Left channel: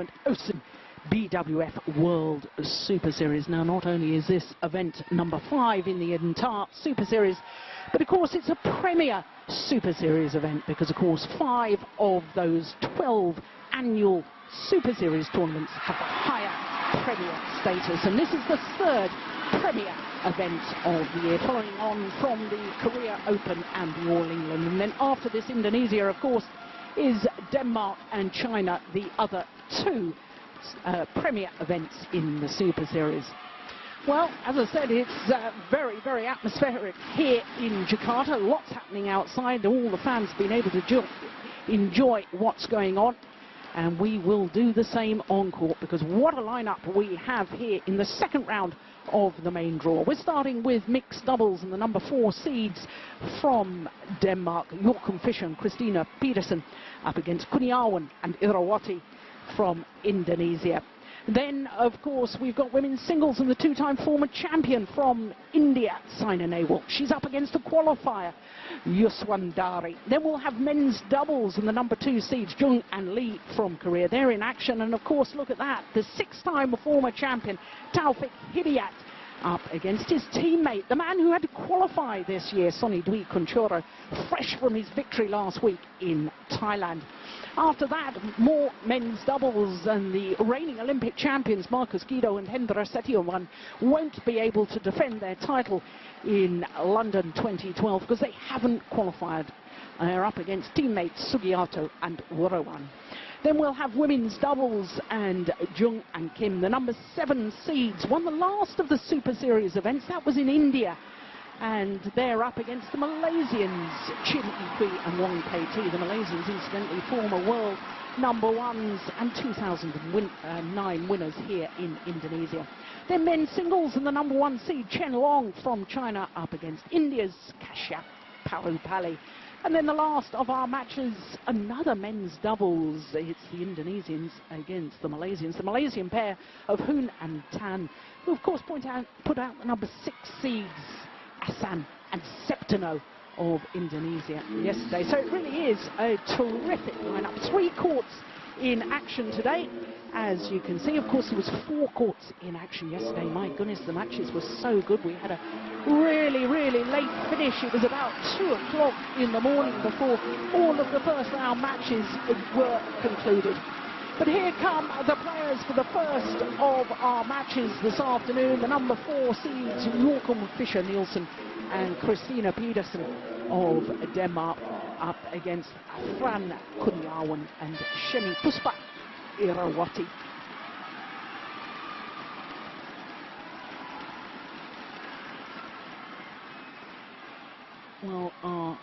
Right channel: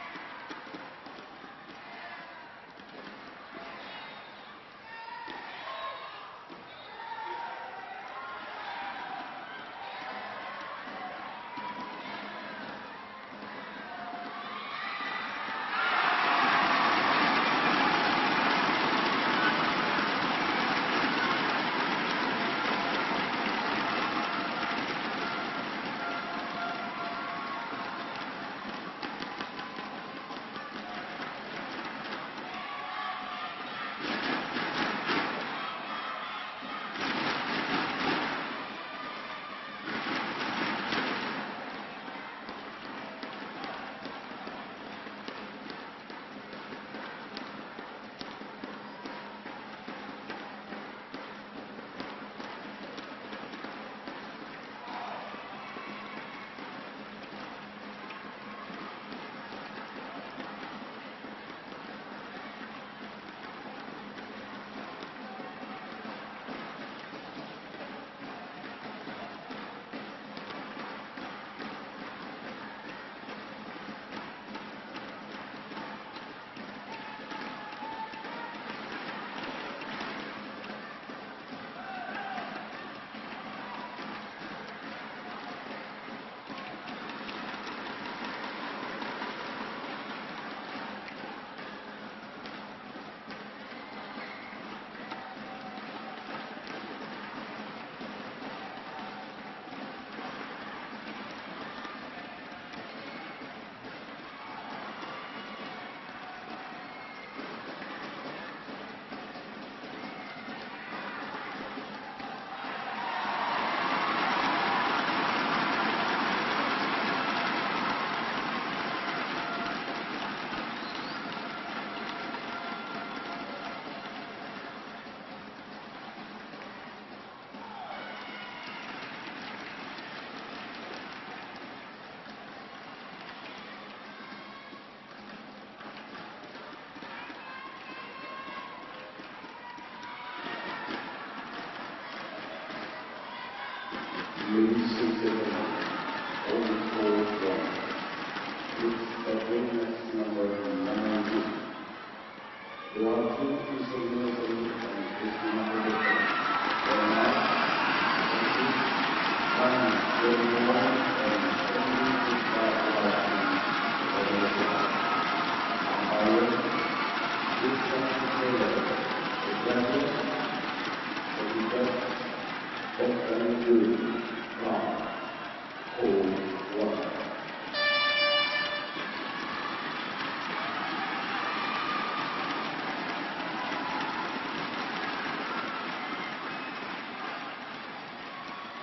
tournament, Ocean BWF World Super Series. Now, not only is this event number 5 in the entire Super Series, but of course it's a premier Super Series event because, of course, 5 of those 12 annual Super Series tournaments have high premier status, and this is the 3rd premier event of the year, following on from the Korea Open and the All England. And then after this, Indonesia, of course, is Denmark and China, the other 2 premier events in the Super Series. Well, as I said, it's very, very atmospheric here in Jakarta. Lots happening outside. All the fans have been able to just enjoy what's going on. And we will do the same on court, because what a lineup we have here in the second round of the main draw. We're starting with mixed doubles, and the number 4 seeds from Denmark, J.Fischer and Christina Pedersen, up against Kurniawan and Irawati from Indonesia. Then, of course, we've got women's singles and the 2-time former champion from India, Saina Nehwal. She's up against a qualifier, Yuswandari. Then we'll have men's doubles and the number 2 seeds, Jung and Lee from Korea. They're in action, and of course, look at that, the 6-time former champion, Taufik Hidayat, up against his teammate, the man who had to qualify this year, Sonny Dwi Kunchora, fresh from his victory last week in Thailand. After that, more men's doubles, and the reigning Olympic champions Marcus Guido and Hendra Setiawan won't be able to defend their title in London 2012 because they haven't qualified. They're up against teammates Sugiyato and Warawan. Then we'll have women's doubles, and Jung and Kim, the number 7 seeds, won the last of the Super Series events. That was in India. And they're up against the Malaysians, Chin and Fu and Wang Kei. The Malaysians, incidentally, former world number 1s and 2009 winners here in Indonesia. Then men's singles, and the number 1 seed, Chen Long from China, up against India's Kashyap Pallipalli. And then the last of our matches, another men's doubles. It's the Indonesians against the Malaysians. The Malaysian pair of Hoon and Tan, who of course put out number 6 seeds, Asan and Septino of Indonesia yesterday. So it really is a terrific lineup. 3 courts in action today, as you can see. Of course, there was 4 courts in action yesterday. My goodness, the matches were so good. We had a really, really late finish. It was about 2 o'clock in the morning before all of the first round matches were concluded. But here come the players for the first of our matches this afternoon. The number 4 seeds, J.Fischer Nielsen and Christina Pedersen of Denmark, up against Fran, Kurniawan and S.P.Irawati. Well, our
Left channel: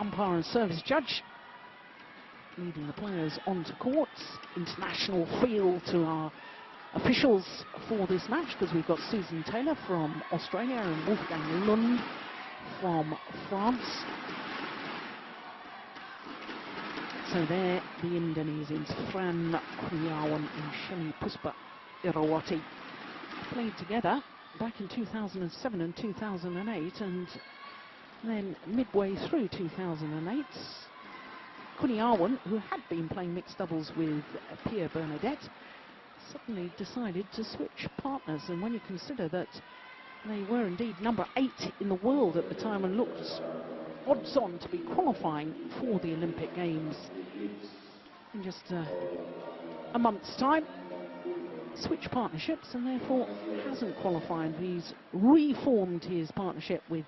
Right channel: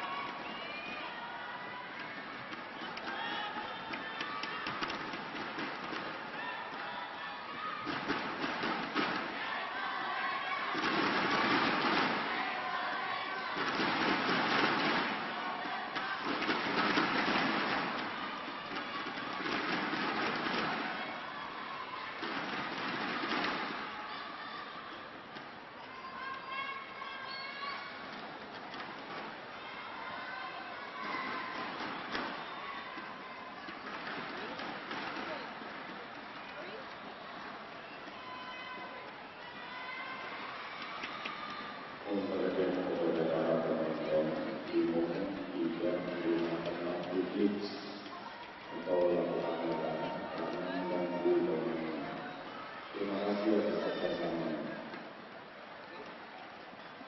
umpire and service judge leading the players onto courts. International feel to our officials for this match, because we've got Susan Taylor from Australia and Wolfgang Lund from France. So there, the Indonesians, Fran, Kurniawan and Puspa Irawati, played together back in 2007 and 2008, and then midway through 2008, Kurniawan, who had been playing mixed doubles with Pierre Bernadette, suddenly decided to switch partners. And when you consider that they were indeed number 8 in the world at the time and looked odds on to be qualifying for the Olympic Games in just a month's time, switched partnerships and therefore isn't qualifying. He's reformed his partnership with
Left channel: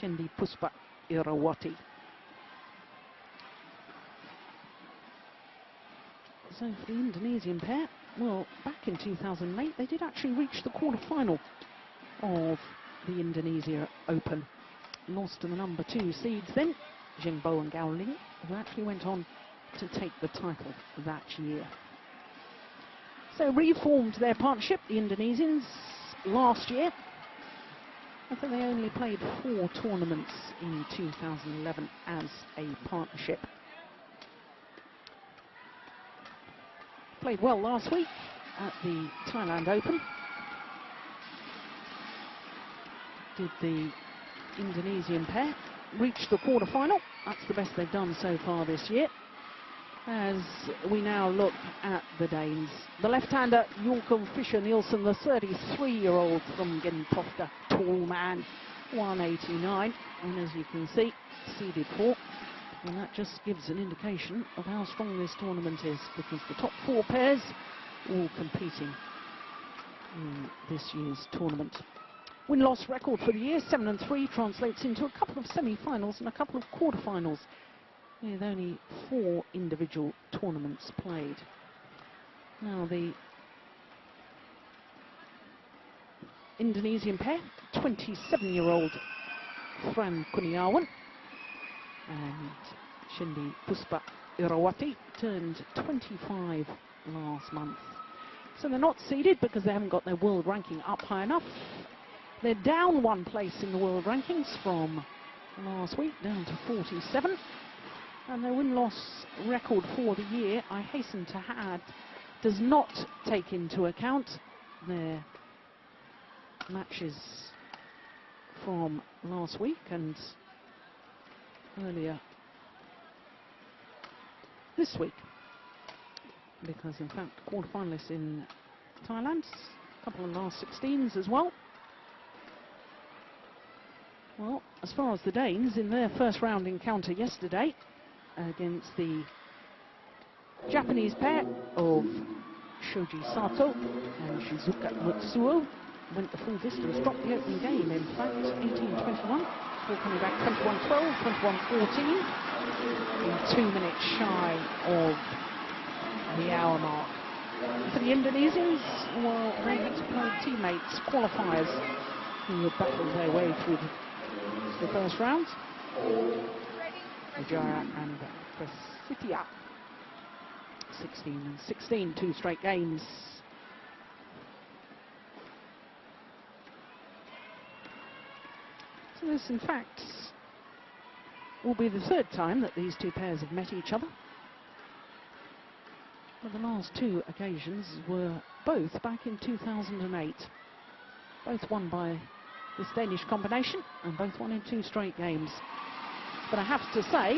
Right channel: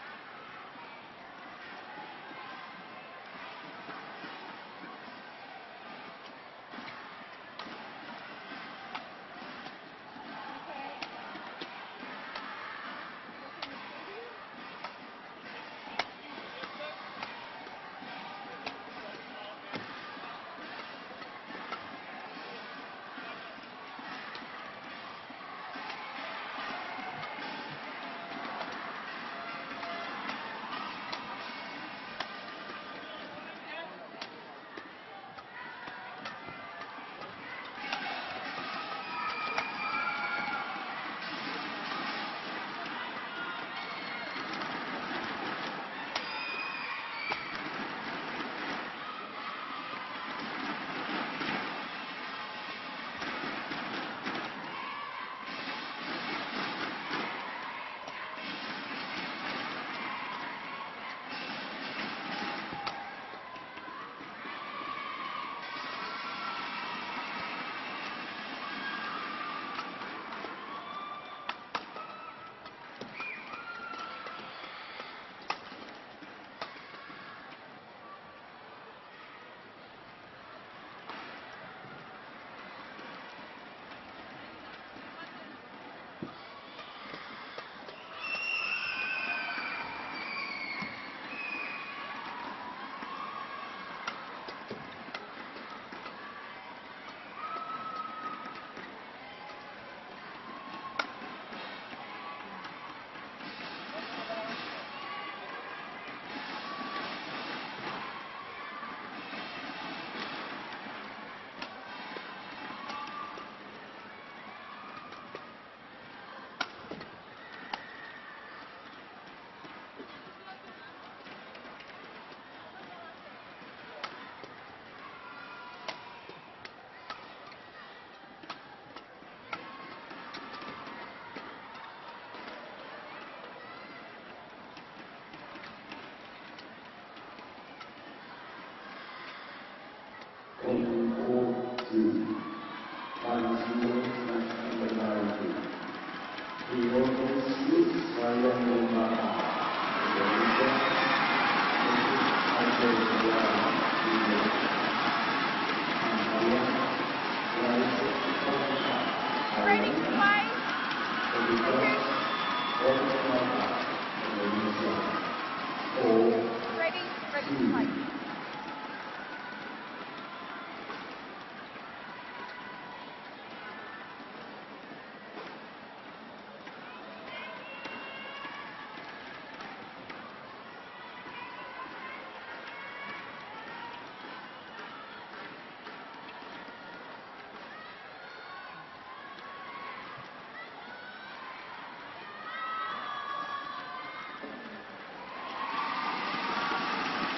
Shendy Puspa Irawati. So for the Indonesian pair, well, back in 2008, they did actually reach the quarter-final of the Indonesia Open. Lost to the number 2 seeds then, Jingbo and Gao Ling, who actually went on to take the title that year. So reformed their partnership, the Indonesians, last year. I think they only played 4 tournaments in 2011 as a partnership. Played well last week at the Thailand Open. Did the Indonesian pair reach the quarter-final? That's the best they've done so far this year. as we now look at the Danes. The left-hander, Joachim Fischer Nielsen, the 33-year-old from Gelora, tall man, 189, and as you can see, seeded fourth. And that just gives an indication of how strong this tournament is, because the top four pairs all competing in this year's tournament. Win-loss record for the year, 7-3, translates into a couple of semi-finals and a couple of quarter-finals, with only 4 individual tournaments played. Now the Indonesian pair, 27-year-old Fran Kurniawan and Shendy S.P.Irawati, turned 25 last month. So they're not seeded because they haven't got their world ranking up high enough. They're down 1 place in the world rankings from last week, down to 47. And their win-loss record for the year, I hasten to add, does not take into account their matches from last week and earlier this week, because in fact quarter-finalists in Thailand, a couple of last 16s as well. Well, as far as the Danes, in their first round encounter yesterday against the Japanese pair of Shoji Sato and Shizuka Matsuo, went the full distance contest again in 18-21, 21-12, 21-14, 2 minutes shy of the hour. The Indonesians were teammates, qualifiers, who were battling their way through the first round. Setia, 16, 2 straight games. So this, in fact, will be the 3rd time that these 2 pairs have met each other. And the last 2 occasions were both back in 2008. Both won by this Danish combination, and both won in 2 straight games. But I have to say,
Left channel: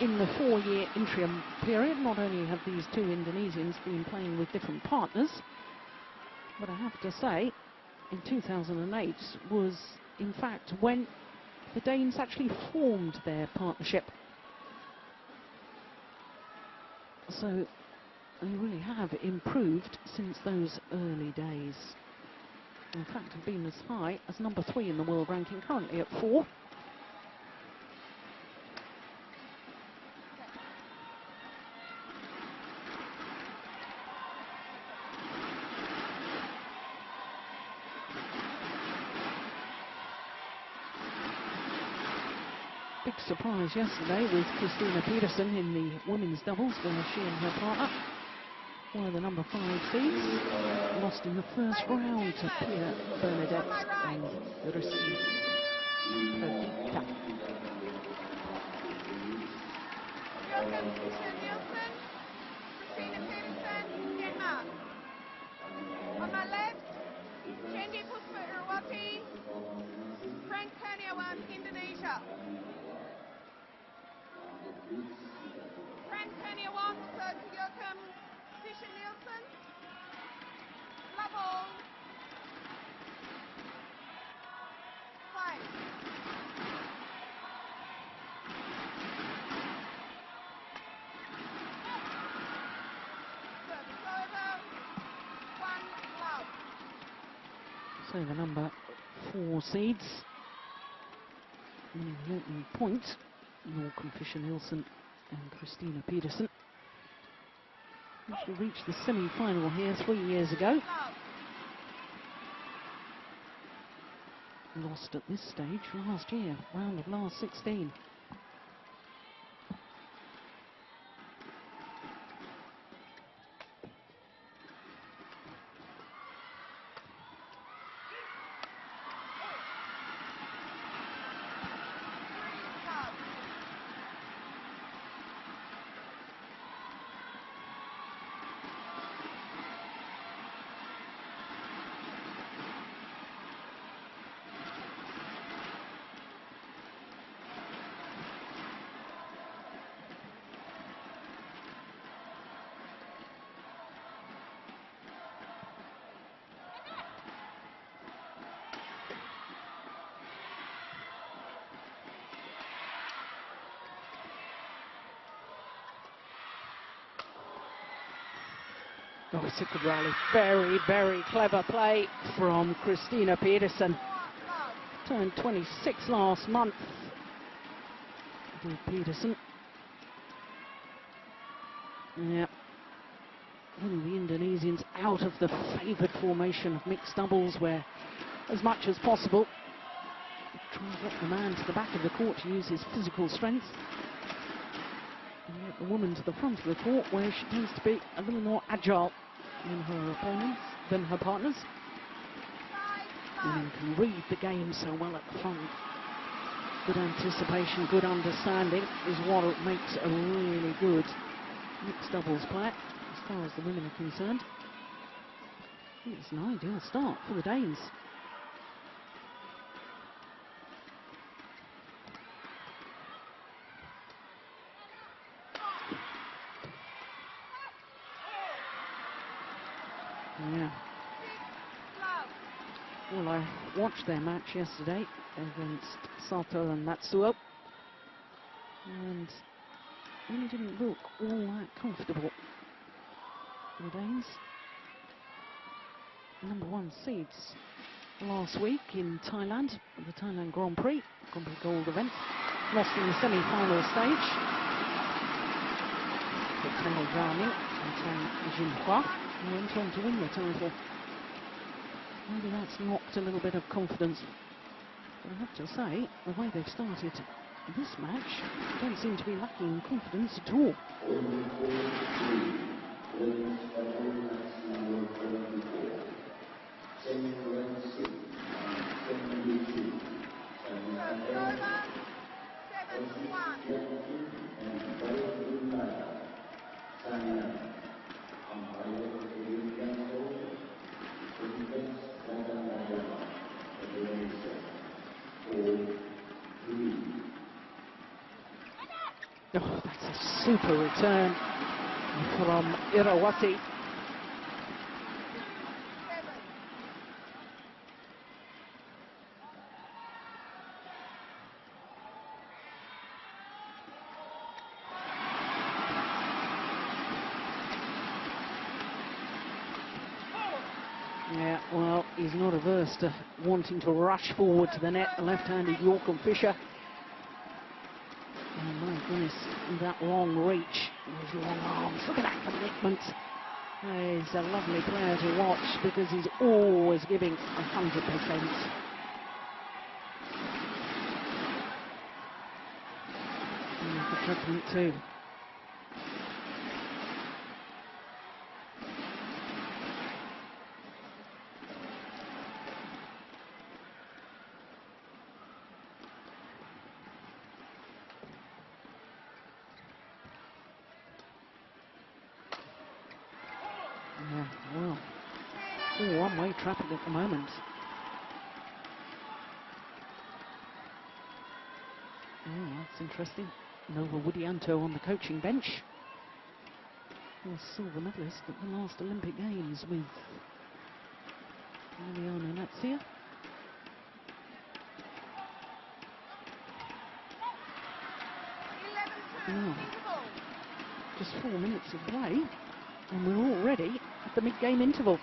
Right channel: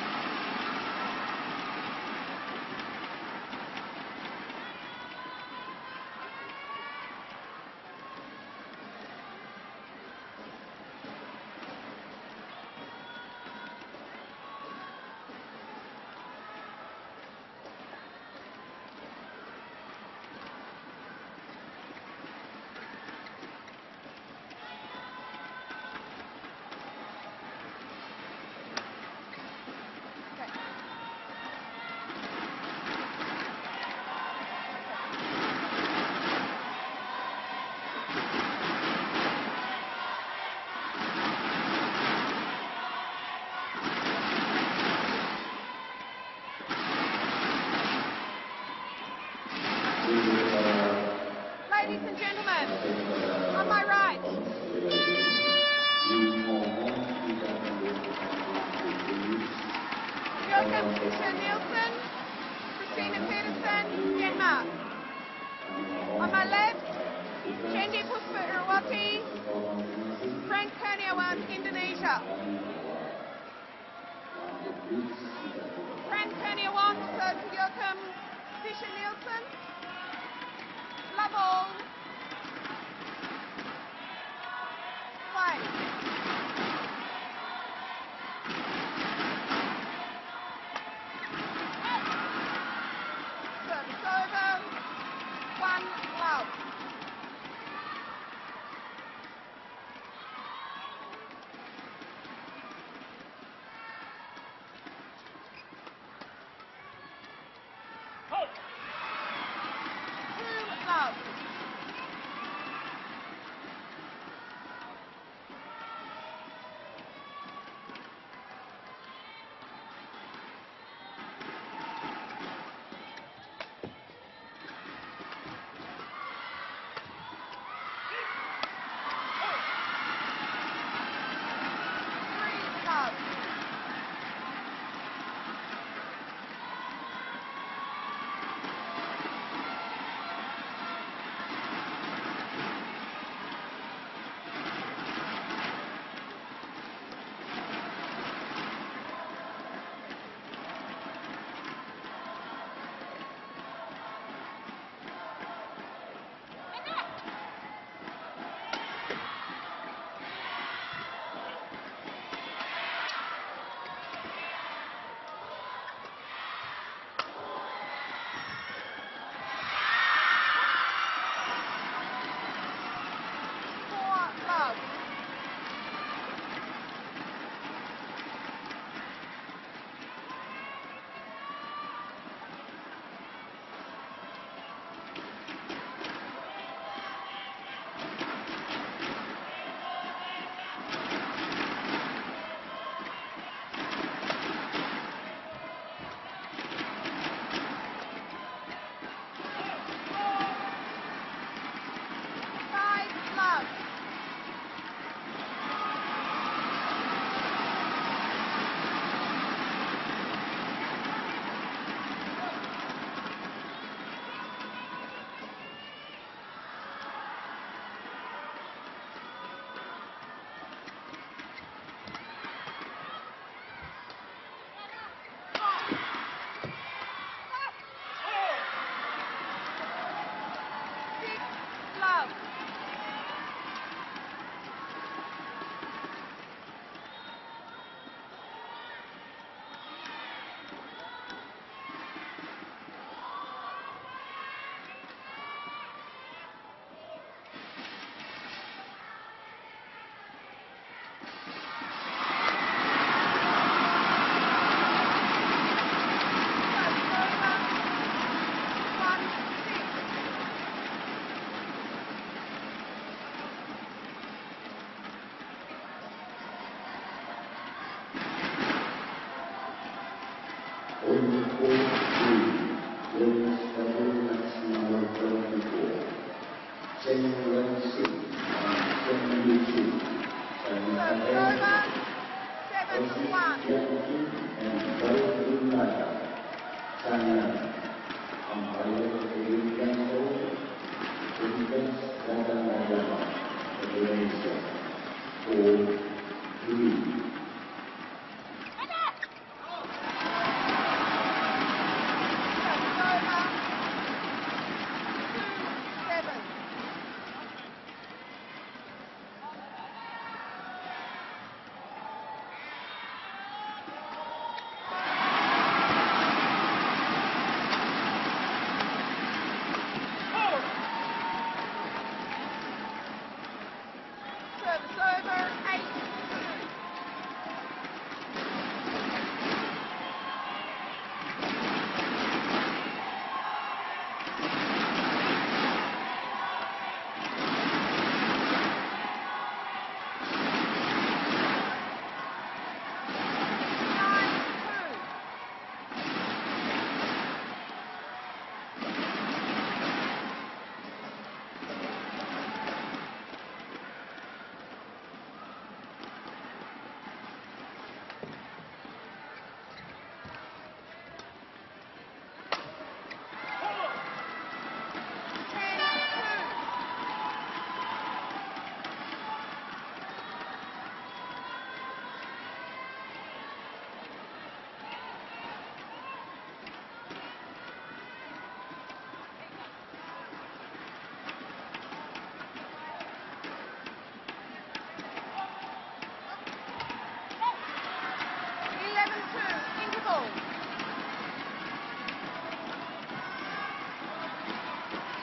in the 4-year interim period, not only have these 2 Indonesians been playing with different partners, but I have to say, in 2008 was, in fact, when the Danes actually formed their partnership. So they really have improved since those early days. In fact, have been as high as number 3 in the world ranking, currently at 4. Big surprise yesterday with Christina Pedersen in the women's doubles when they fought her partner. Yeah, the number 5 seed lost in the first round. Ladies and gentlemen, on my right. Joachim Nielsen, Christina Pedersen, Denmark. On my left, Shendy S.P.Irawati, F.Kurniawan, Indonesia. F.Kurniawan versus Joachim Fischer Nielsen. Level 5. Service over. 1 love. So the number 4 seeds in Hilton Point, Joachim Fischer Nielsen and Christina Pedersen, which reached the semi-final here 3 years ago. Lost at this stage last year, round of last 16. particularly very, very clever play from Christina Pedersen. Turned 26 last month. And Pedersen. Yeah. Pulling the Indonesians out of the favoured formation of mixed doubles, where as much as possible trying to get the man to the back of the court to use his physical strength. And get the woman to the front of the court, where she tends to be a little more agile than her partners. And can read the game so well up front. Good anticipation, good understanding is what it makes a really good mixed doubles player, as far as the women are concerned. I think it's an ideal start for the Danes. Well, I watched their match yesterday against Sako and Matsuo, and they didn't look all that comfortable. The Danes, #1 seeds last week in Thailand, the Thailand Grand Prix, gold event, lost in the semi-final stage. Maybe that's knocked a little bit of confidence. I have to say, the way they've started this match, they don't seem to be lacking in confidence at all. Oh, super return from F.Irawati. Yeah, well, he's not averse to wanting to rush forward to the net. Left-handed J.Fischer. That long reach. He's a lovely player to watch because he's always giving 100%. Too. One-way traffic at the moment. Oh, that's interesting. Nova Widianto on the coaching bench. The silver medalist at the last Olympic Games with Latvia. 11-2 interval. Just 4 minutes of play, and we're already at the mid-game interval.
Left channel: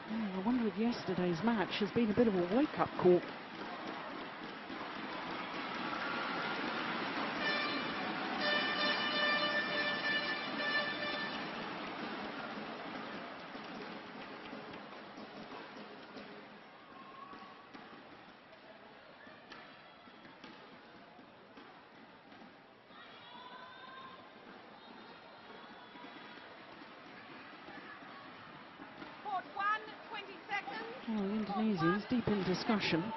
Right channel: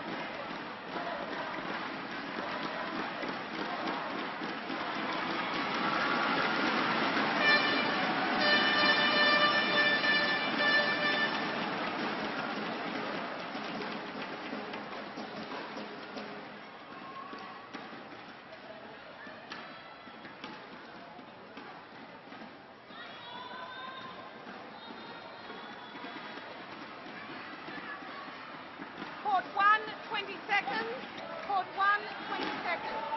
I wonder if yesterday's match has been a bit of a wake-up call. Court 1, 20 seconds. Court 1, Deep in 20 discussion. seconds.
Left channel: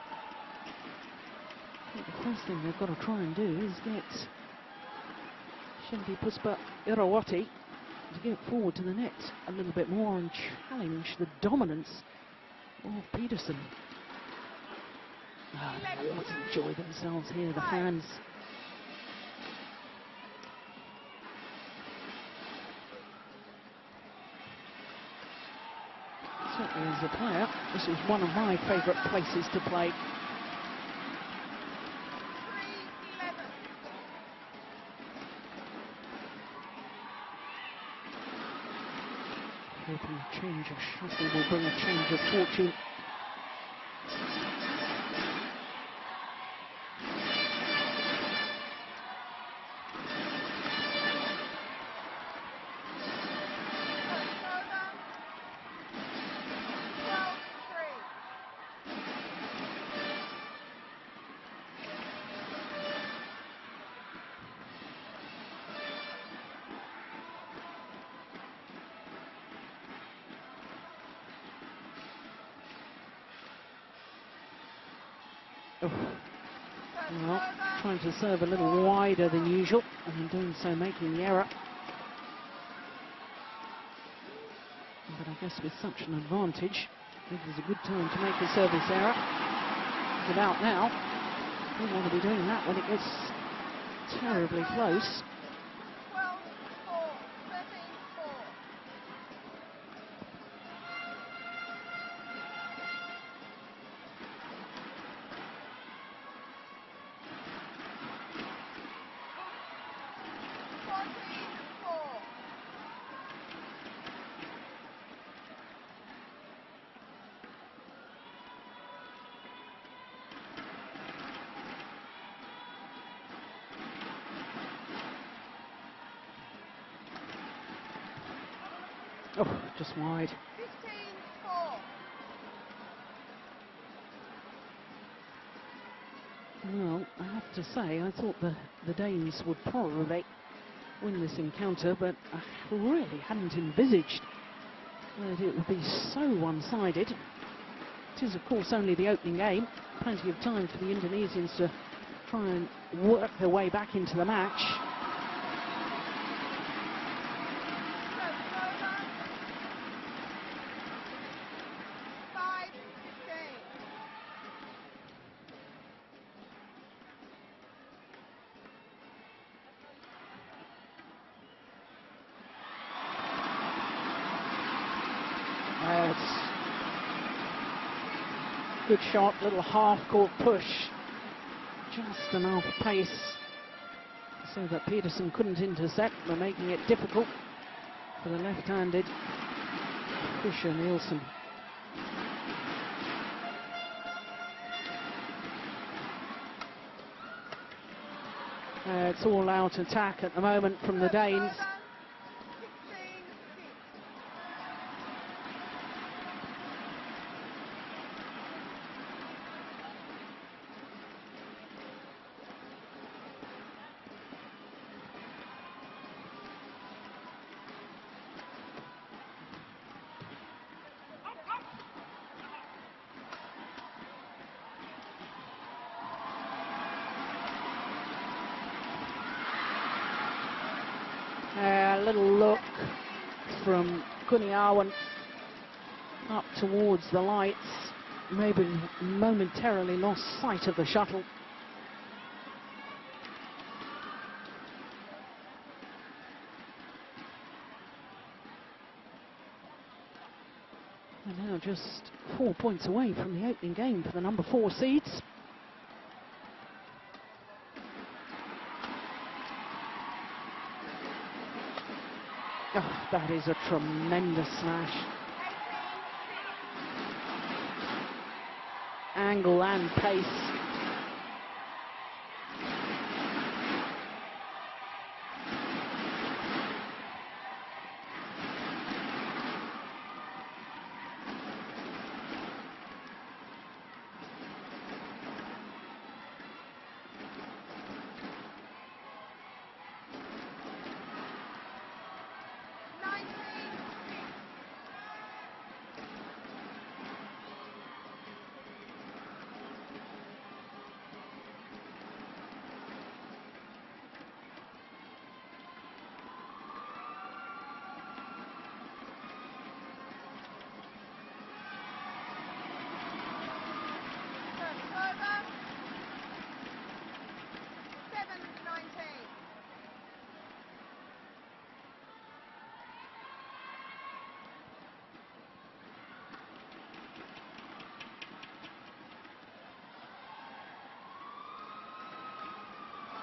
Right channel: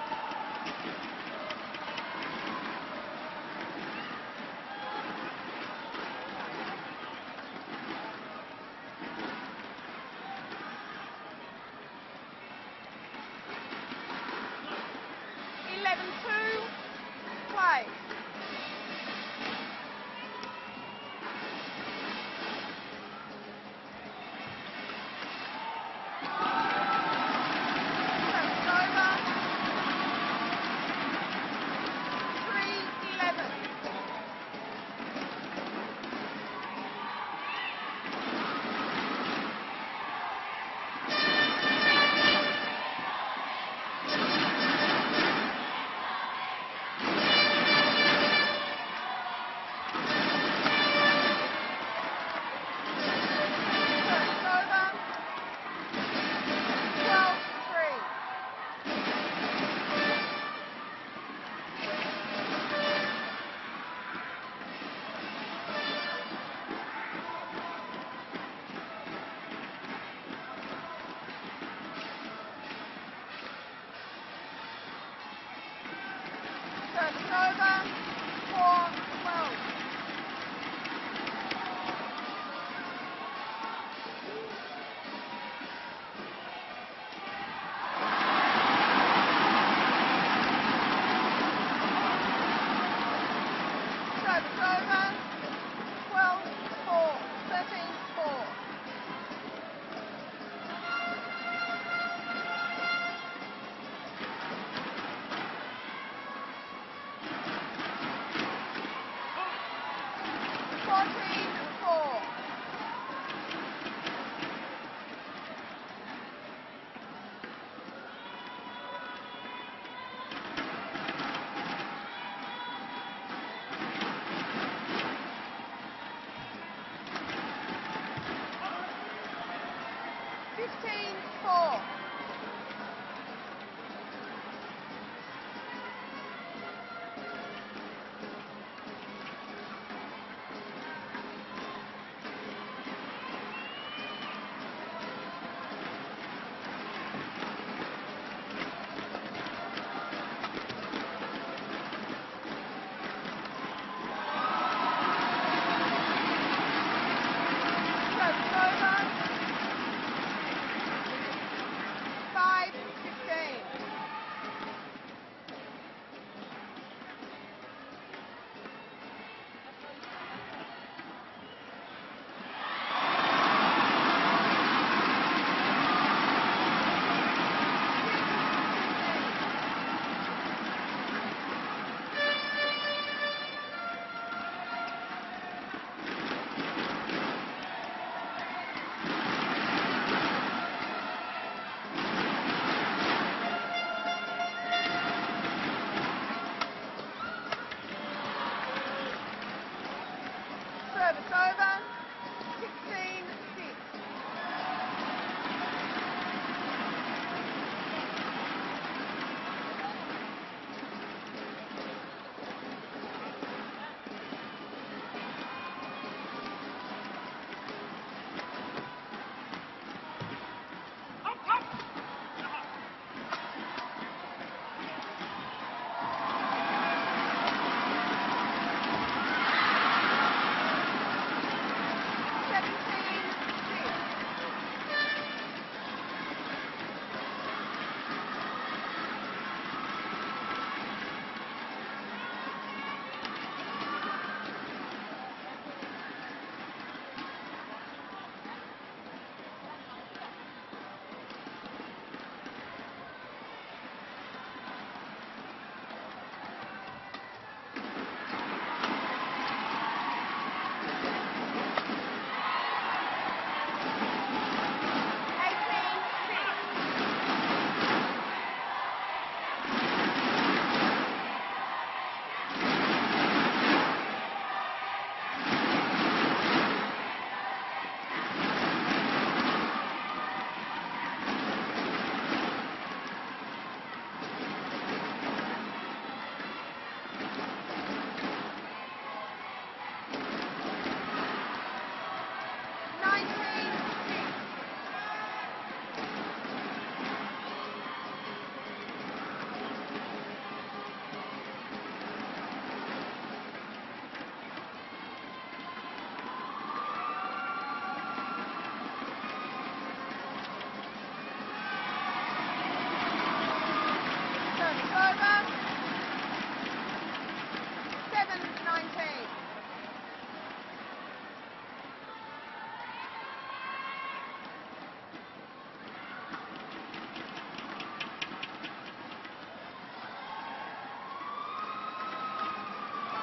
First thing we've got to try and do is get Shendy, Puspa, Irawati to get forward to the net a little bit more and challenge the dominance of Pedersen. 11-2. Enjoy themselves here, the Play. fans. This is one of my favourite places to play. 3-11. Will bring a change of fortune. Trying to serve a little wider than usual, and doing so making the error. But I guess with such an advantage, it was a good time to make the service error. Without now, I wouldn't be doing that, but it was terribly close. 12-4, 13-4. Oh, just wide. 15-4. Well, I have to say, I thought the Danes would probably win this encounter, but I really hadn't envisaged that it would be so one-sided. It is, of course, only the opening game. Plenty of time for the Indonesians to try and work their way back into the match. Service over. 5-15. Good shot, little half-court push. Just enough pace so that Pedersen couldn't intercept, for making it difficult for the left-handed pusher Nielsen. It's all out attack at the moment from the Danes. Over. 16-6. From F.Kurniawan up towards the lights, maybe momentarily lost sight of the shuttle. And now just 4 points away from the opening game for the number 4 seeds. That is a tremendous smash. 18-6. Angle and pace.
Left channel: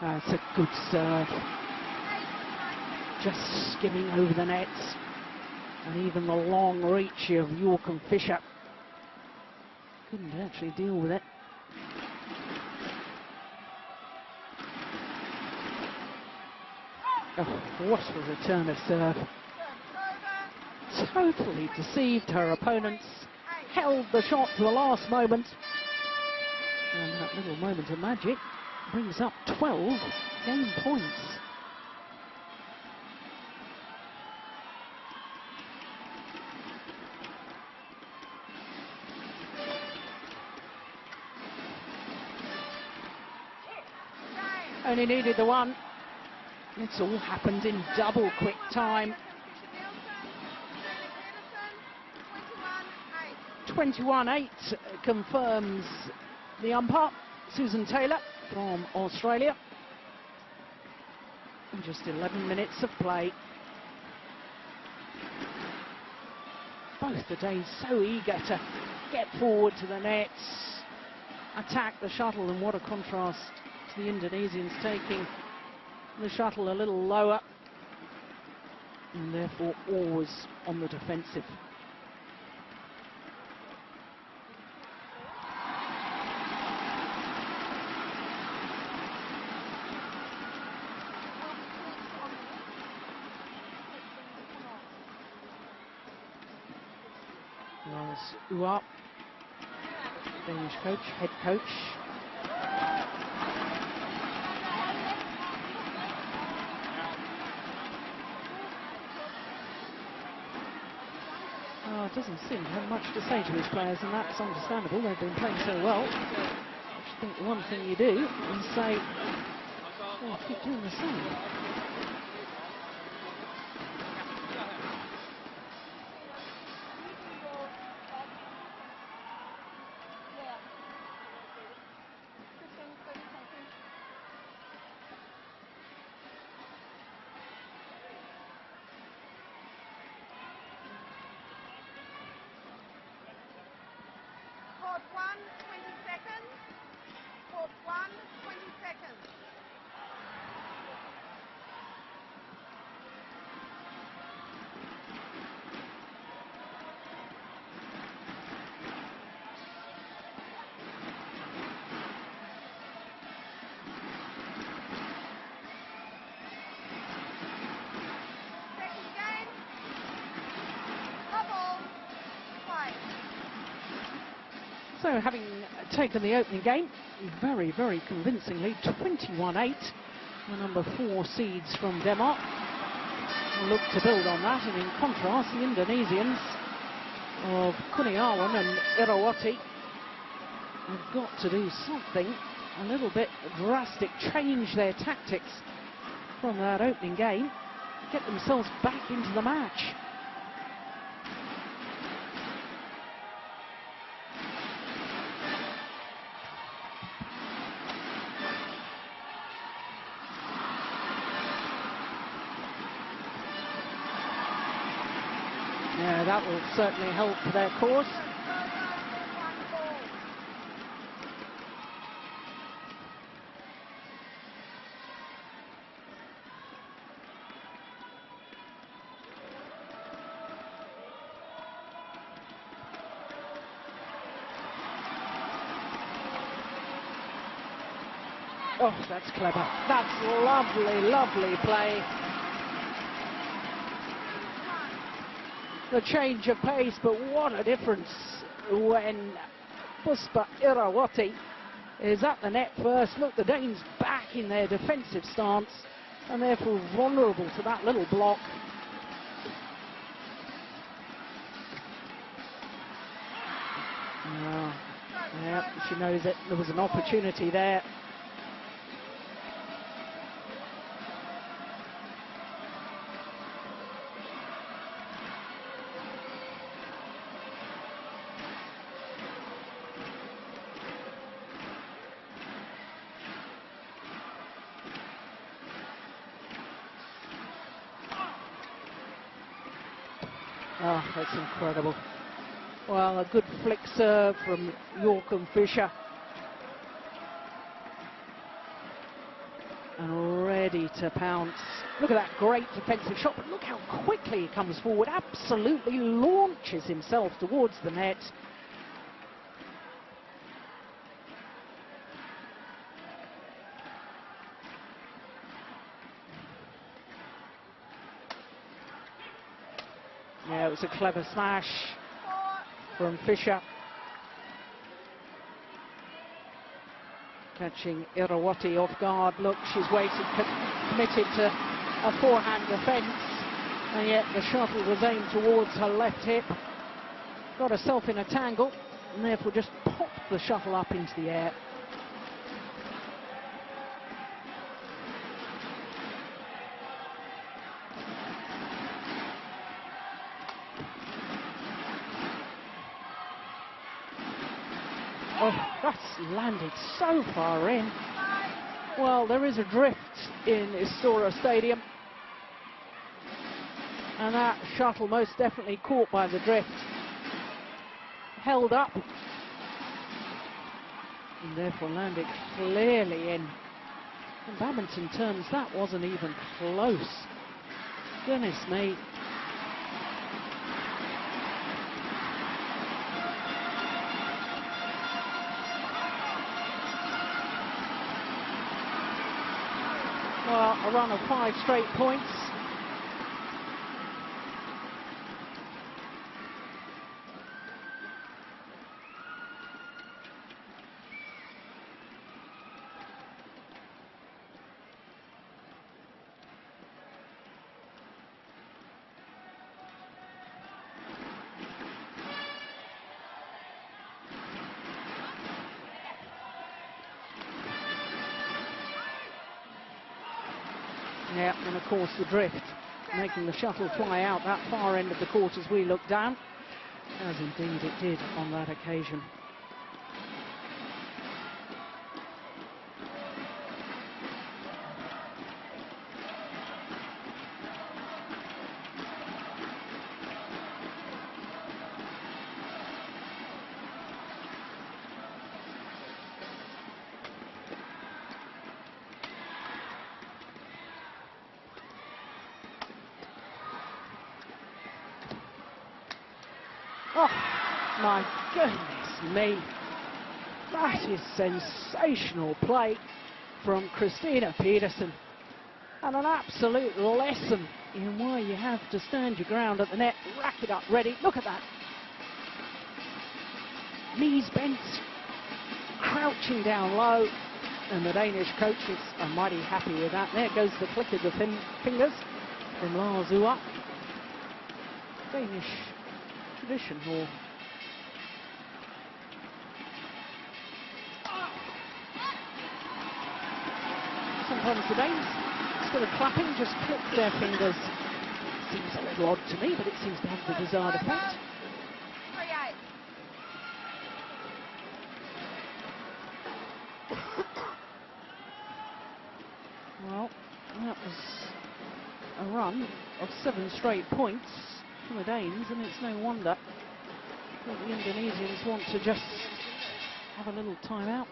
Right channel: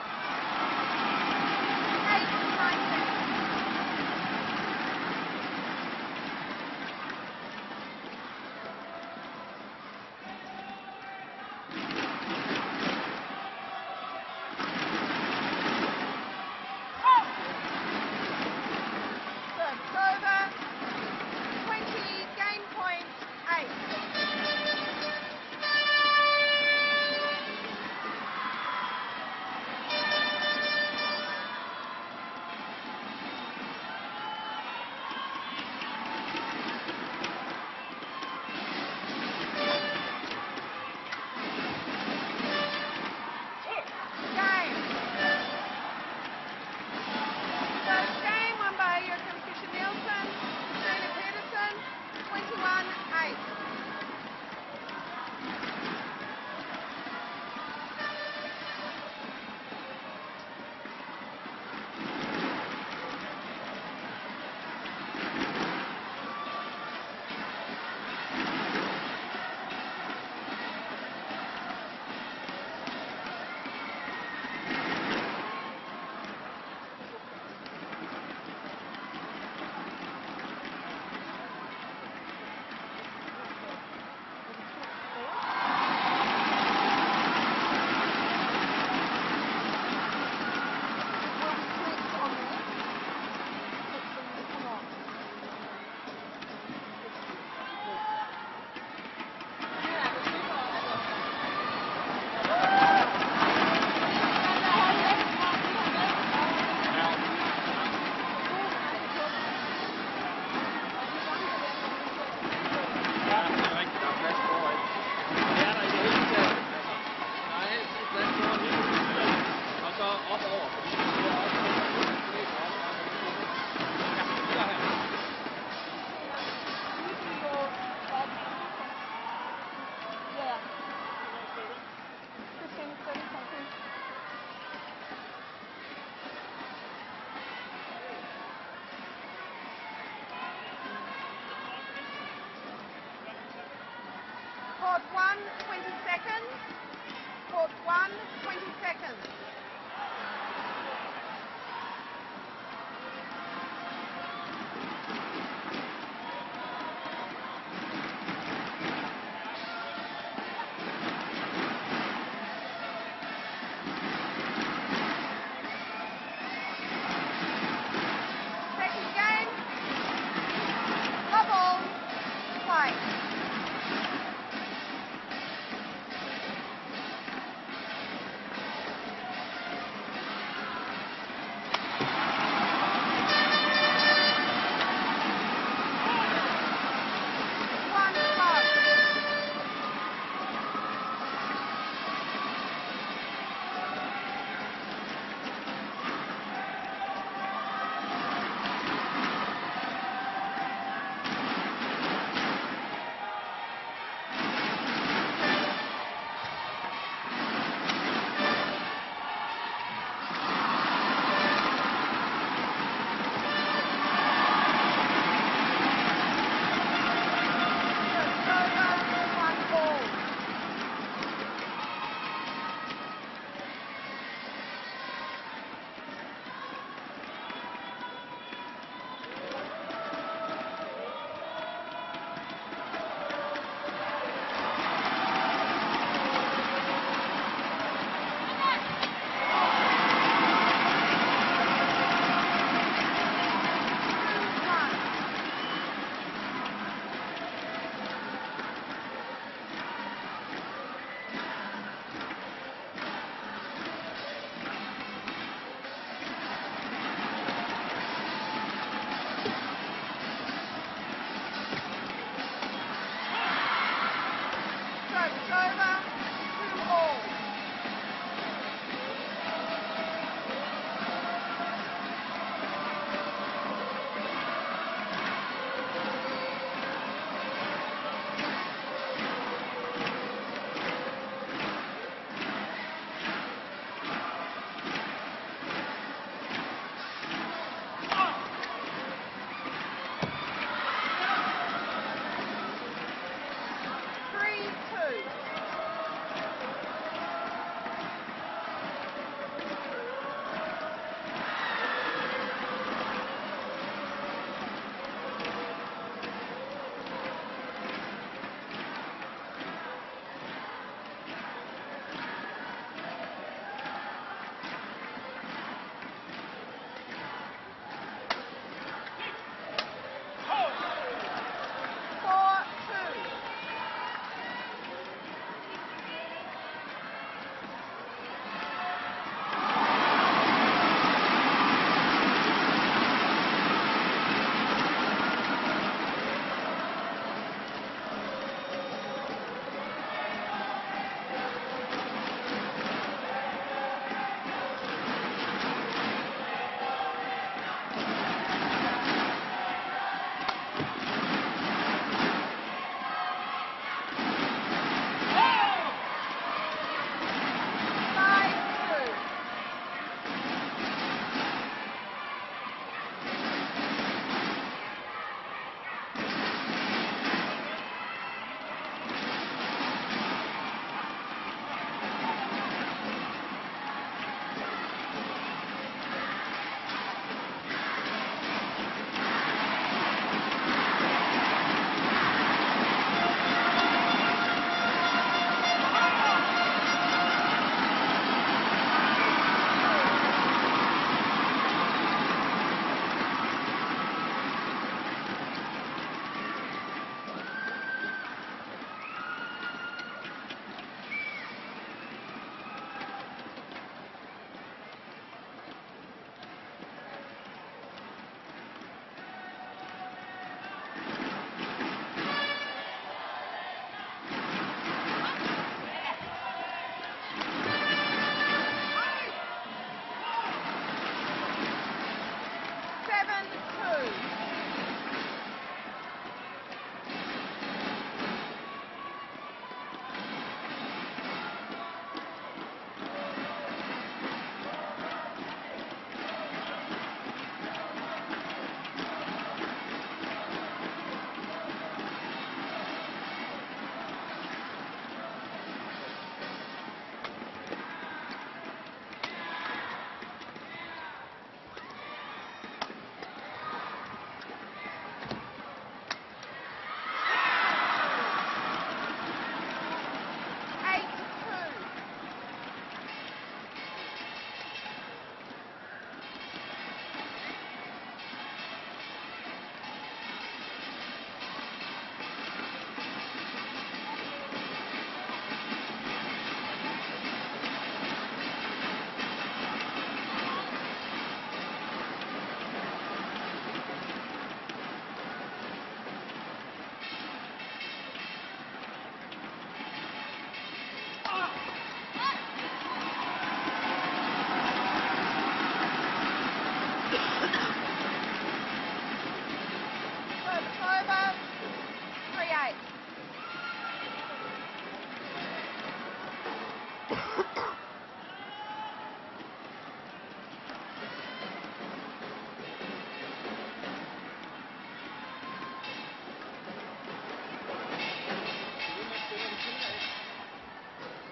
That's a good serve. Just skimming over the net. And even the long reach of Joachim Fischer couldn't actually deal with it. Oh, what a return of serve. Totally deceived her opponents. Held the shot to the last moment. And that little moment of magic brings up 12 game points. Only needed the one. It's all happened in double quick time. C.Pedersen, 21-8. 21-8 confirms the umpire, Susan Taylor from Australia. Just 11 minutes of play. Both the Danes so eager to get forward to the nets, attack the shuttle, and what a contrast the Indonesians taking the shuttle a little lower, and therefore always on the defensive. There's Uap, head coach. Court 1, 20 seconds. Court 1, 20 seconds. Second game. Bubble. Play. So having taken the opening game very, very convincingly, 21-8, number 4 seeds from Denmark look to build on that, and in contrast the Indonesians of F.Kurniawan and F.Irawati have got to do something a little bit drastic, change their tactics from that opening game, get themselves back into the match. Certainly holds their course. Oh, that's clever. That's lovely, lovely play. The change of pace, but what a difference when Puspa Irawati is at the net first. Look, the Danes back in their defensive stance and therefore vulnerable to that little block. She knows that there was an opportunity there. Oh, that's incredible. Well, a good flick serve from Joachim Fischer. Ready to pounce. Look at that great defensive shot. Look how quickly He comes forward, absolutely launches himself towards the net. There was a clever slash from Fischer. Catching Irawati off guard. Look, she's waiting, committed to a forehand defence, and yet the shuttle was aimed towards her left hip. Got herself in a tangle, and therefore just popped the shuttle up into the air. So far in. Well, there is a drift in Istora Stadium, and that shuttle most definitely caught by the drift, held up, and therefore landed clearly in badminton terms. That wasn't even close. Goodness me. Points. Yeah, and of course the drift, making the shuttle fly out that far end of the court as we look down, as indeed it did on that occasion. My goodness me, that is sensational play from Christina Pedersen, and an absolute lesson in why you have to stand your ground at the net, racket up ready. Look at that, knees bent, crouching down low, and the Danish coaches are mighty happy with that. There goes the click of the fingers from Larzua. Danish tradition here. Instead of clapping, just click their fingers. Seems a little odd to me, but it seems to have the desired effect. 3-8. Well, that was a run of 7 straight points for the Danes, and it's no wonder that the Indonesians want to just have a little time out.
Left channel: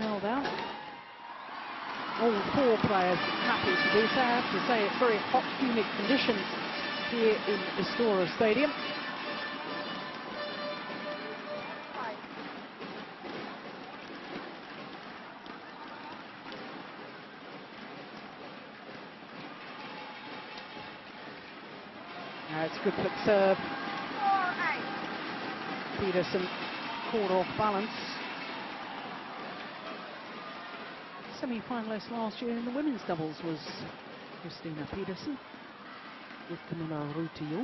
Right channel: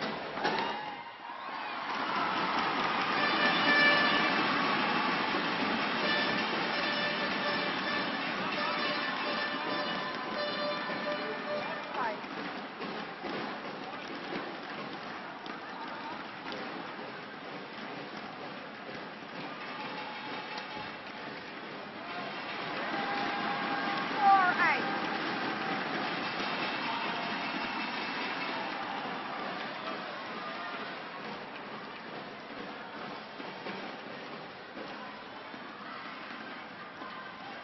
Towel down. All 4 players happy to do so. I have to say it's very hot, humid conditions here in the Istora Stadium. It's a good flip serve. 4-8. Pedersen caught off balance. Semi-finalist last year in the women's doubles was Christina Pedersen with Camilla Rutio.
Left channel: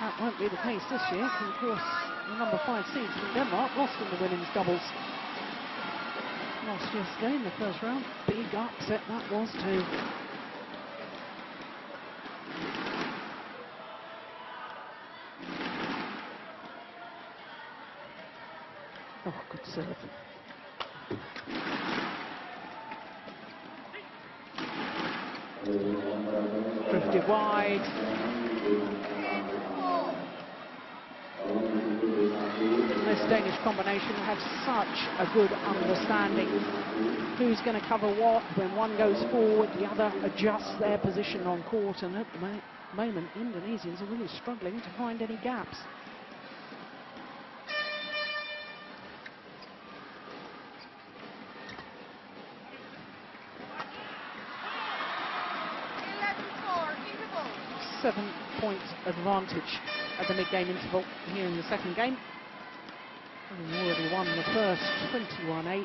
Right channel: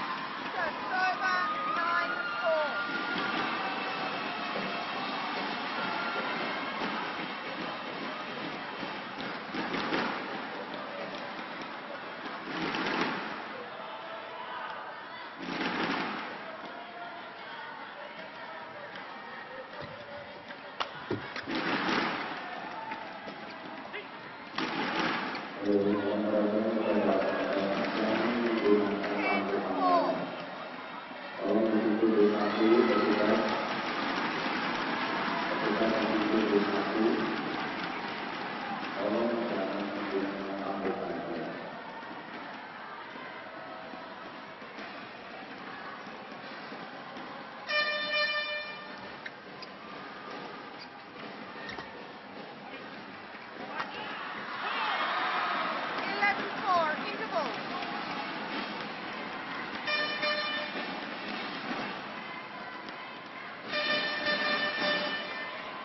That won't be the case this year, and of course the number 5 seed from Denmark lost in the women's doubles last Tuesday in the first round. Big upset that was too. Oh, good serve. Drifted wide. This Danish combination has such a good understanding who who's going to cover what? When one goes forward, the other adjusts their position on court, and at the moment, Indonesians are really struggling to find any gaps. Advantage at the mid-game interval here in the second game. And nearly won the first 21-8.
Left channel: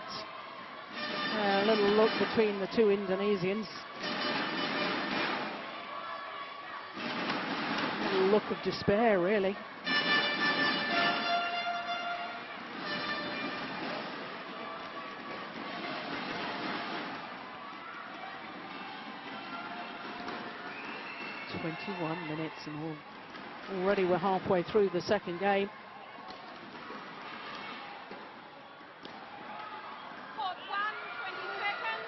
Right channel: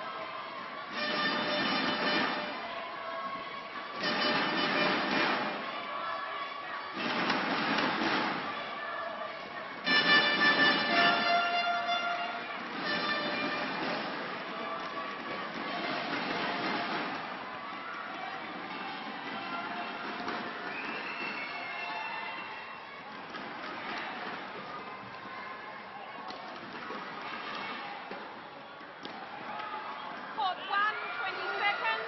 A little look between the two Indonesians. A little look of despair, really. And already we're halfway through the second game. Court 1, 20 seconds.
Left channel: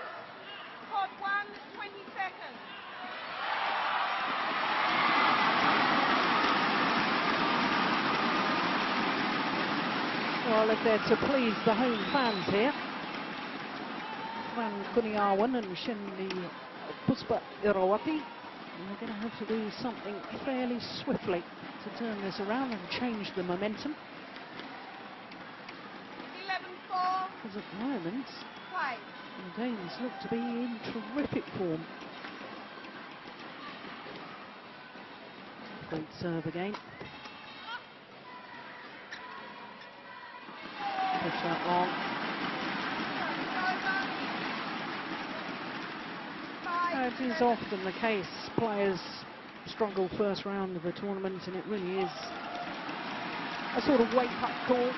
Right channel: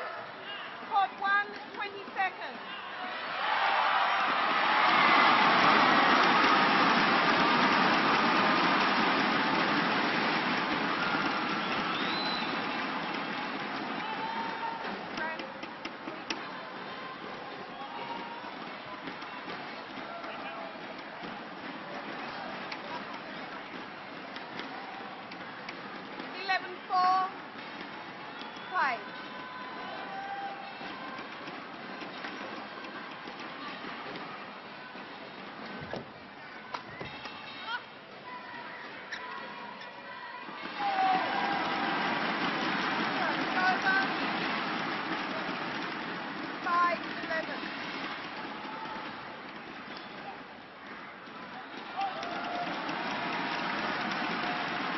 Court 1, 20 seconds. Well, if they're to please the home fans here, F.Kurniawan and Shendy Puspa Irawati, going to have to do something fairly swiftly to turn this around and change the momentum. 11-4. Because at the moment, Play. the Danes look to be in terrific form. Great serve again. As is often the case, players struggle first round of the tournament, and it really is a sort of wake-up call.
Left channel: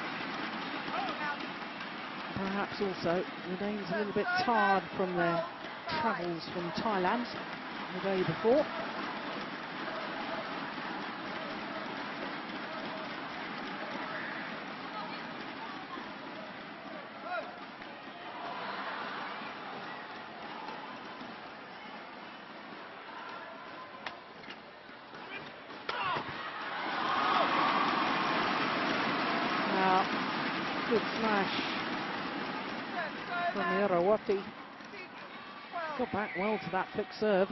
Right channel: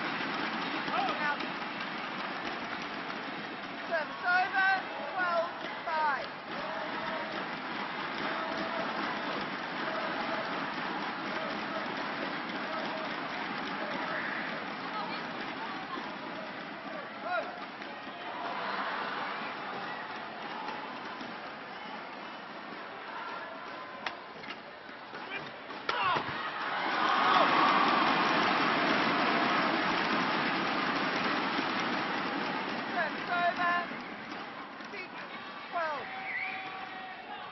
Perhaps also the Danes a little bit tired from their travels from Thailand the day before. Got back well to that flick serve.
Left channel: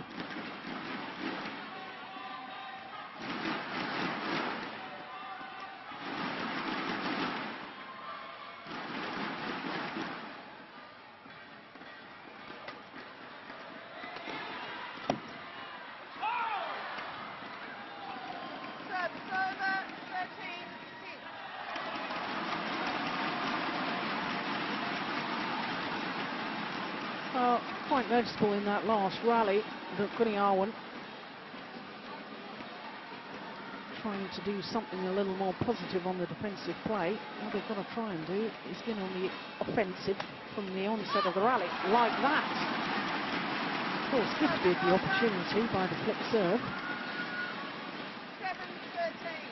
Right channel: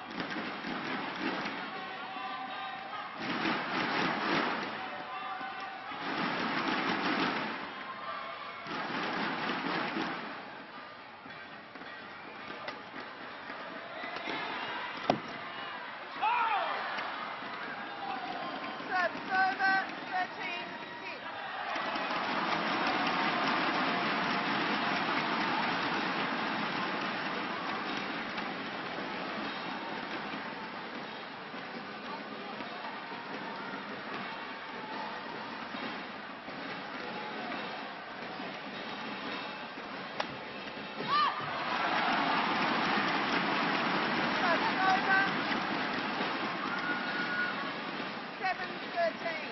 Service over, 13-6. Quite noticeable in that last rally that F.Kurniawan trying to do something a little more positive on the defensive play. What they've got to try and do is get on the offensive from the onset of the rally, like that. Of course, gifted the opportunity by the flip serve. 7-13.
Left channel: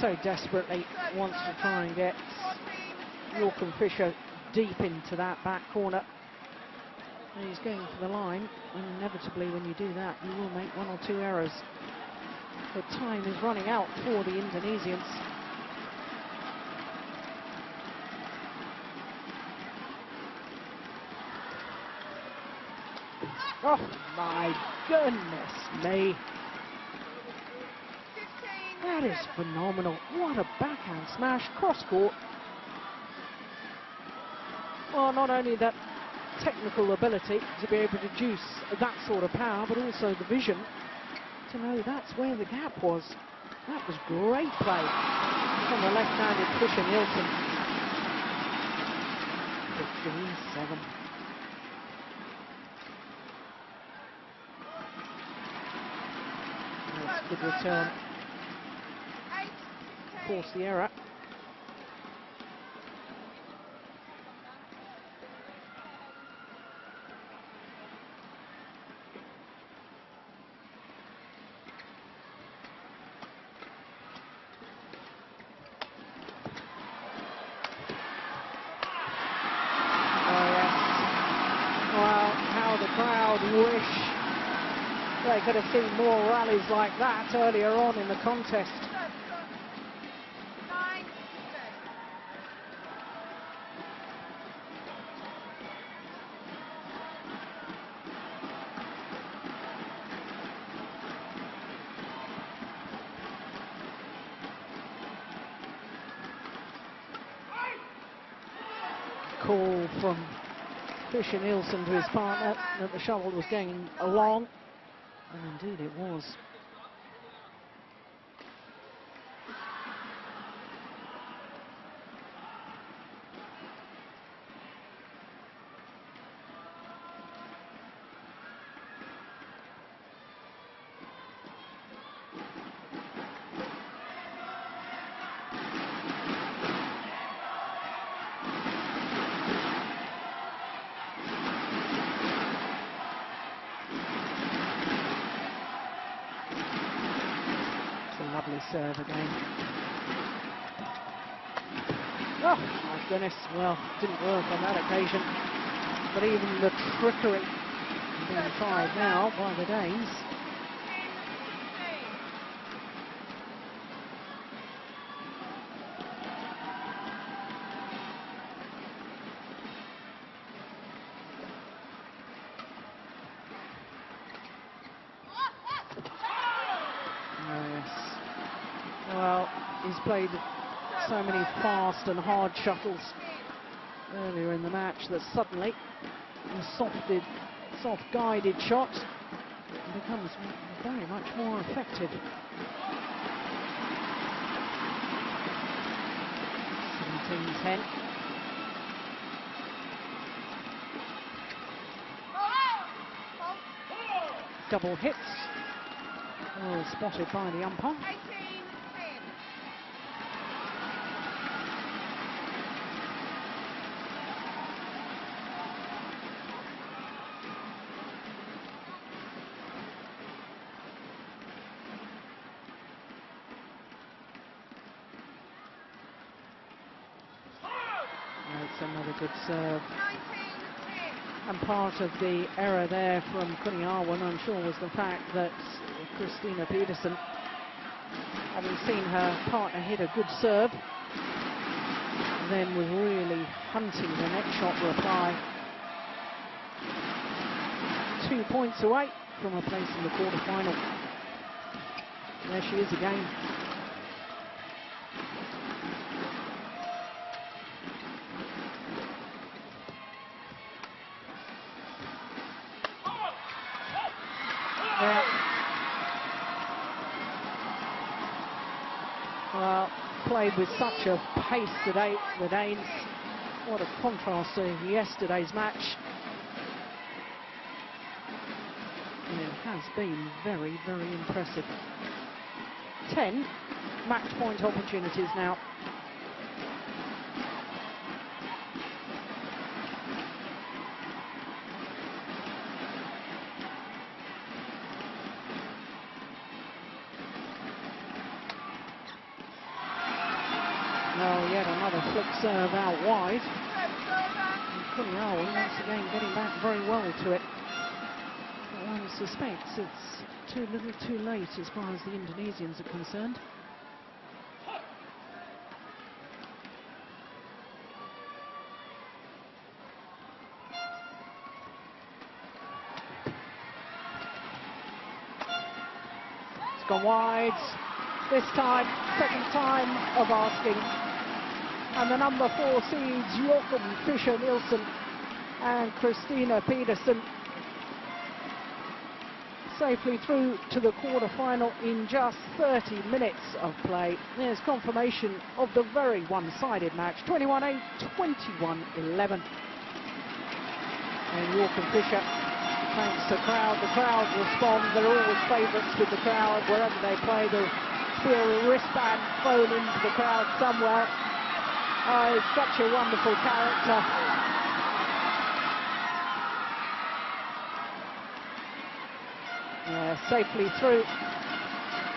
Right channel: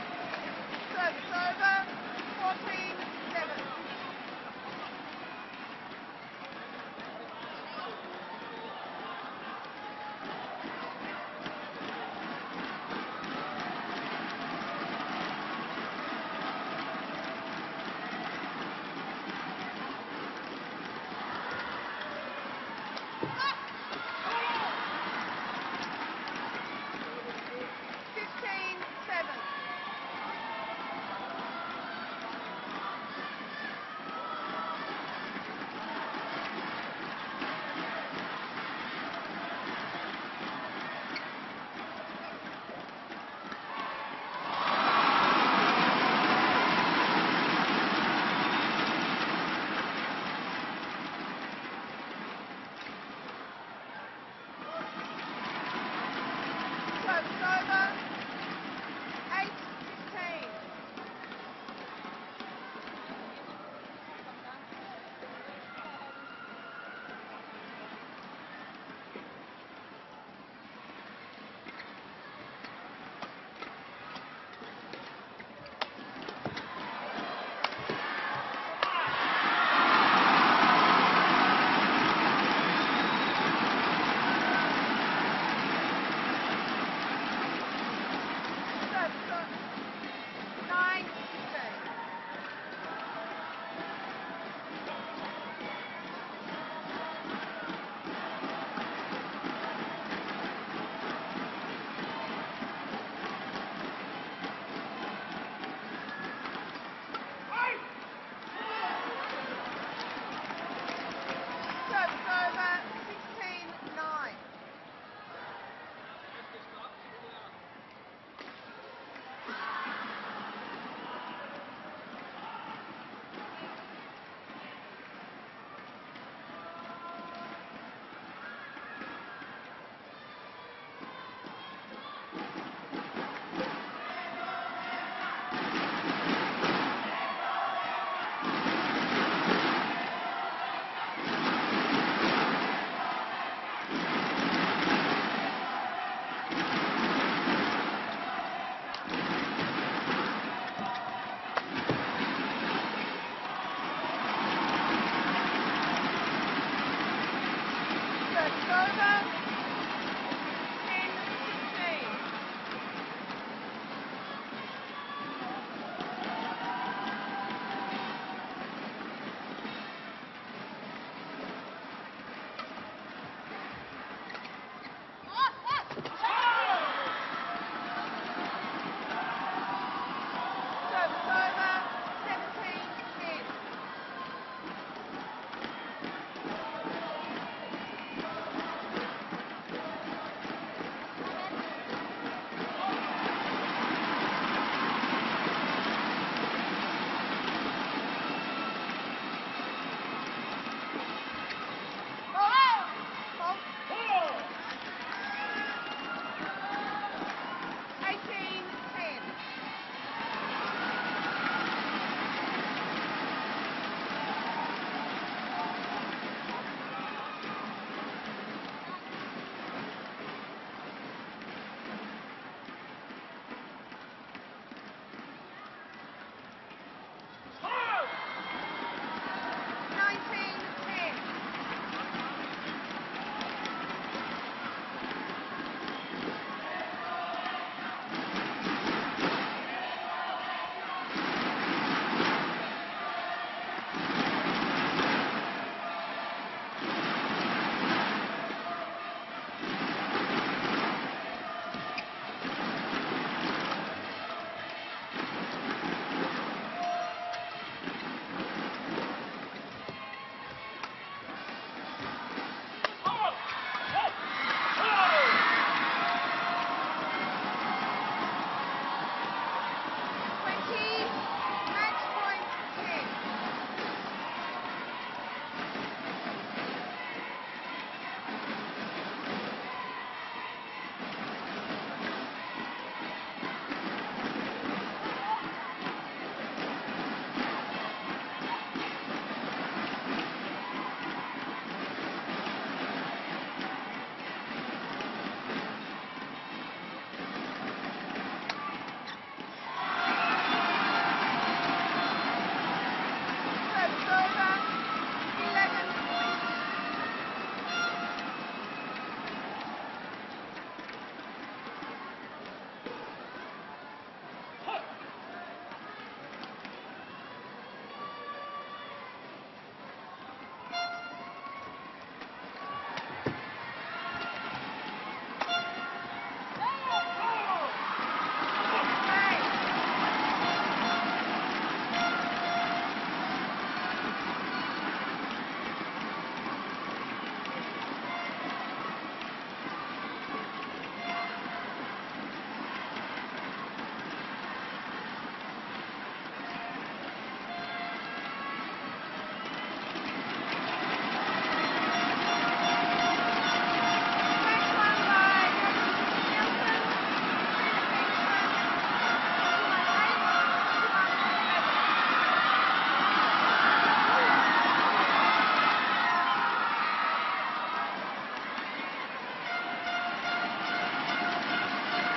So desperately wants to try and get Joachim Fischer deep into that back corner. And he's going for the line, and inevitably when you do that, you will make one or two errors. The time is running out for the Indonesians. Oh my goodness me. That is phenomenal. What a backhand smash, cross-court. Well, not only that technical ability to be able to produce that sort of power, but also the vision to know that's where the gap was. That was great play from the left-handed Fischer Nielsen. 7. Good return. Force the error. more rallies like that earlier on in the contest. Call from Fischer Nielsen to his partner that the shuttle was going along, and indeed it was. Well, didn't work on that occasion, but even the trickery tried now by the Danes. Well, he's played so many fast and hard shuttles earlier in the match that suddenly a soft-guided shot becomes very much more effective. Double hits, well spotted by the umpire. 18-10. Part of the error there from F.Kurniawan, I'm sure, was the fact that Christina Pedersen, having seen her partner hit a good serve, then was really hunting the next shot reply. 2 points away from a place in the quarterfinals. There she is again. With such a pace today, the Danes. What a contrast to yesterday's match. And it has been very, very impressive. 10 match point opportunities now. It's too little too late as far as the Indonesians are concerned. It's gone wide. This time, second time of asking. And the number 4 seeds, Joachim Fischer Nielsen and Christina Pedersen, safely through to the quarter-final in just 30 minutes of play. There's confirmation of the very one-sided match, 21-8, 21-11. And Joachim Fischer thanks the crowd. The crowd respond. They're always favourites with the crowd. Wherever they play, they'll throw a wristband thrown into the crowd somewhere. Oh, such a wonderful character. Safely through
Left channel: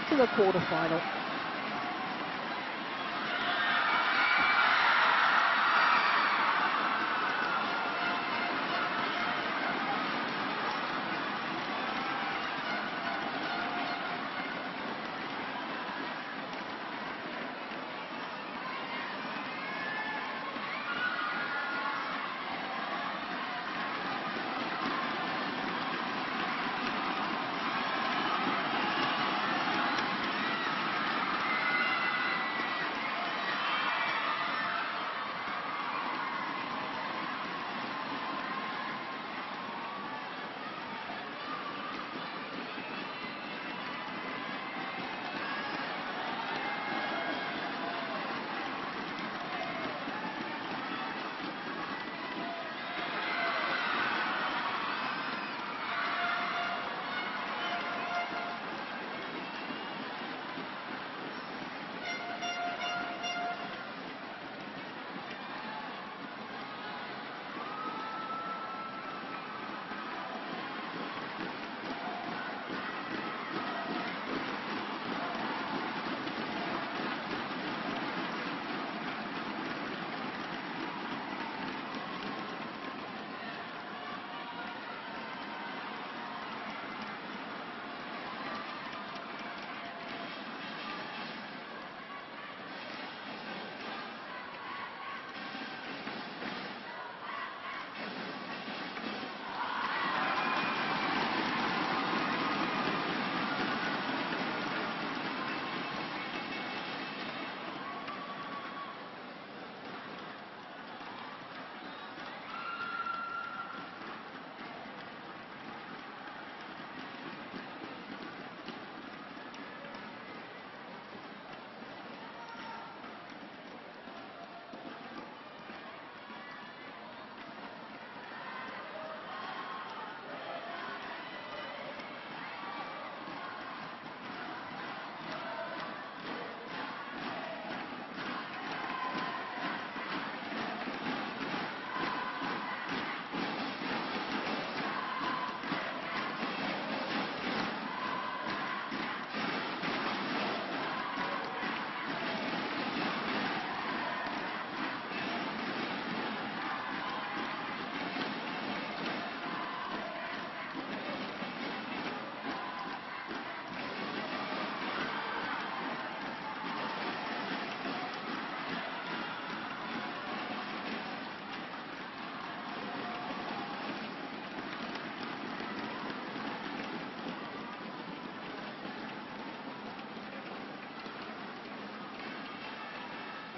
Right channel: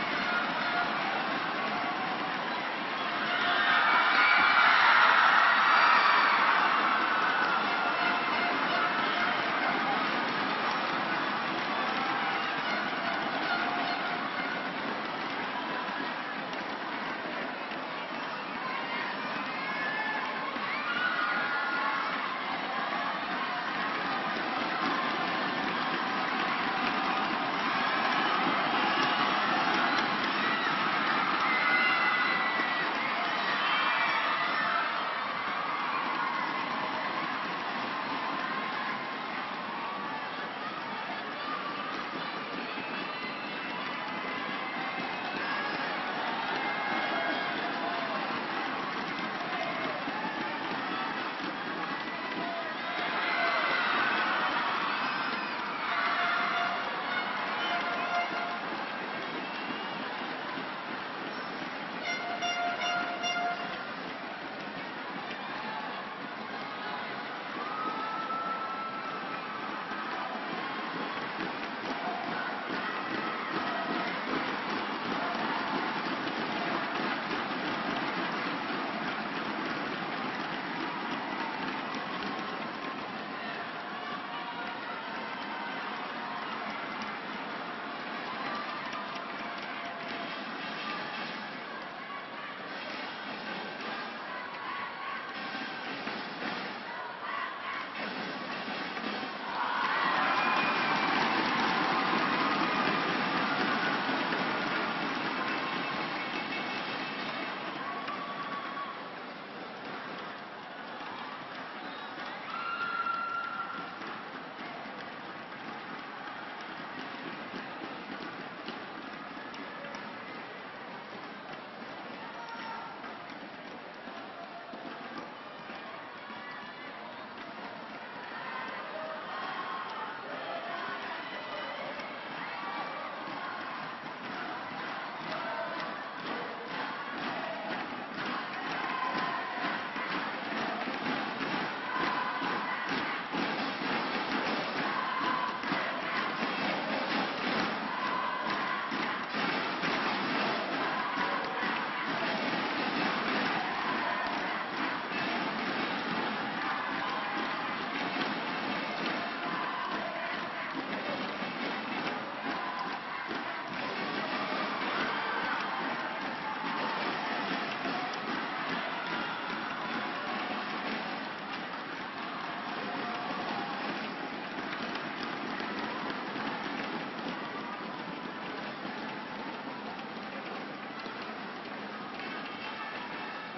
to the quarter-final.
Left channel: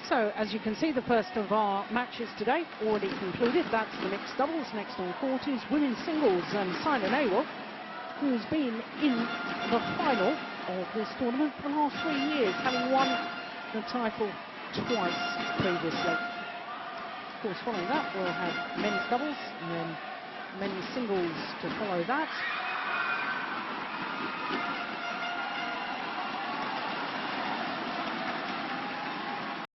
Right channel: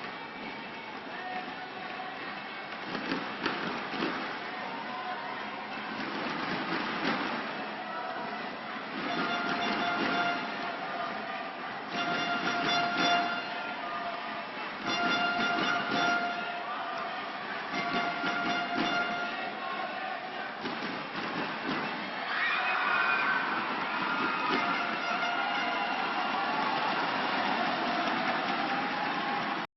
So, as you can see, the first of our matches today already concluded. That's the mixed doubles, next all quarters, women's singles, and Simon Abel, who's been in the final of this tournament for the last 3 years, having won the title twice previously. Of course, following that, we'll have men's doubles, and then men's singles to follow that.